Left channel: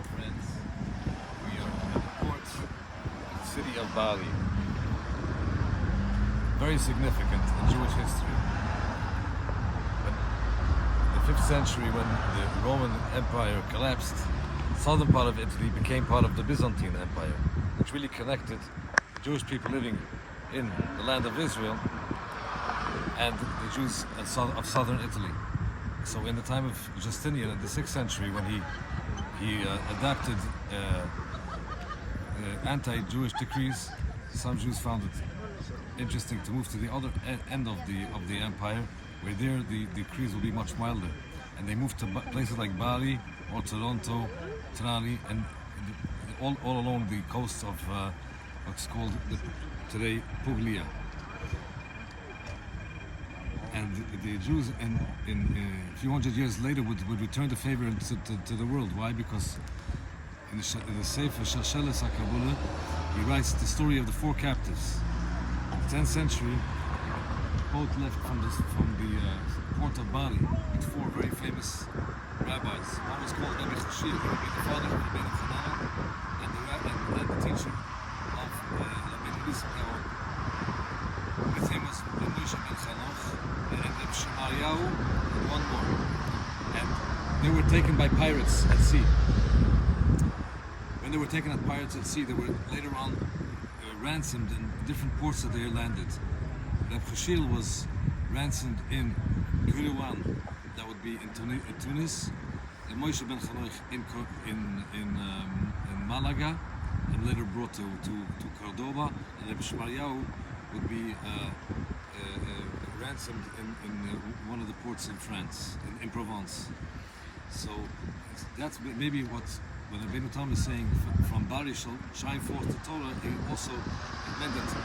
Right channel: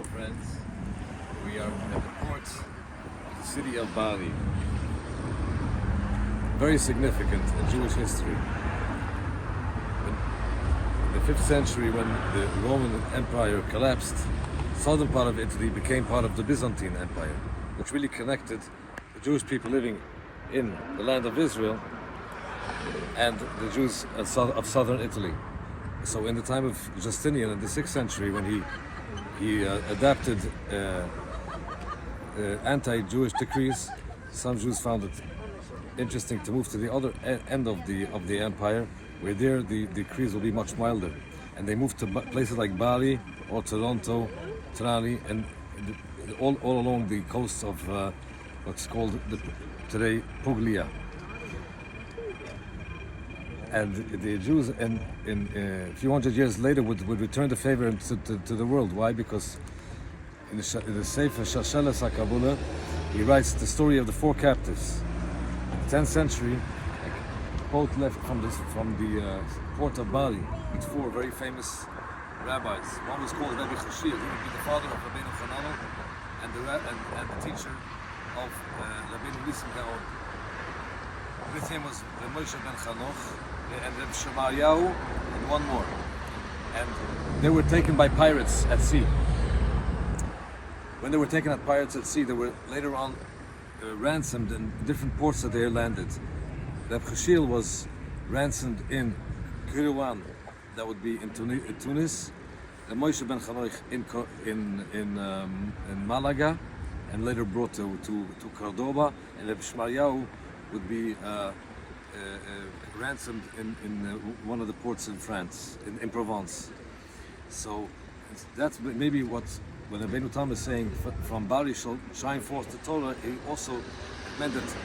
Hello friends, we are at the port of the city of Bari. Very significant in Jewish history. In the 5th century, when the Roman Empire collapsed, the southern part of Italy became part of the Byzantine Empire, which really connected the Jewish people living in the land of Israel and the Jews of southern Italy. So in the time of Justinian in the 6th century, when he adapted anti-Jewish decrees, some Jews found it interesting to move to the other end of the empire, where there the decrees will be much milder, and they moved to places like Bari or Toronto, Trani, and all along the coast of what's called today Puglia. And the Jews, a few hundred years later, would return the favor to the world. Why? Because in the Sefer Shalshelet ha-Kabbalah, he writes the story of the 4 captives. In the 10th century, a boat left from the port of Bari with 4 very famous rabbis. One was called Rabbi Ḥushiel. He would be the father of Rabbi and the teacher of Rabbi Moses. With him was Moshe ben Chanoch and Rabbi Shemariah and one more. And they were taken by pirates at sea. When they were taken as pirates at sea, they were later on ransomed in different ports that they landed. Rabbi Ḥushiel was ransomed in Kairouan, that would be in Tunis. Moshe ben Chanoch in Malaga, and later brought to Cordoba. And Rabbi Shemariah would be ransomed in one of the ports in France, in Provence. So that's maybe what when Rabbi Tam is saying from Bari shall shine forth the Torah. He also meant that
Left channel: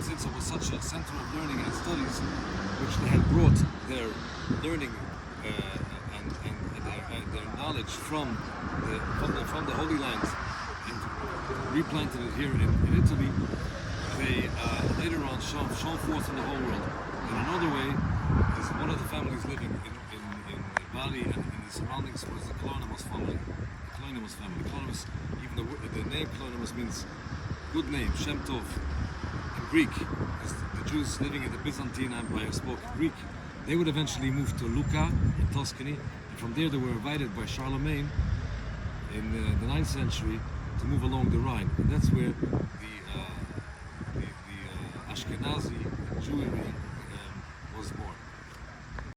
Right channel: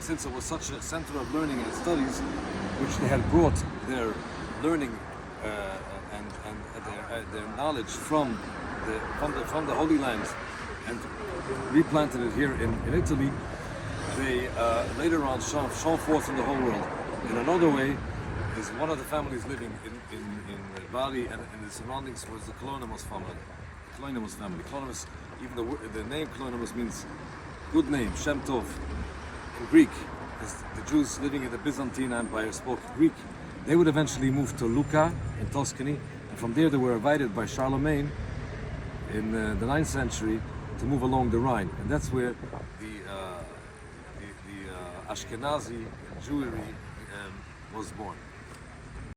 since it was such a center of learning and studies, which they had brought their learning and their knowledge from the Holy Land and replanted it here in Italy, they later on shone forth in the whole world. In another way, is one of the families living in Bari and in the surroundings was the Kairouan family. Kairouan, even the name Kairouan means good name, Shem Tov, in Greek, because the Jews living in the Byzantine Empire spoke Greek. They would eventually move to Lucca in Tuscany, and from there they were invited by Charlemagne in the 9th century to move along the Rhine. And that's where the Ashkenazi Jewry was born.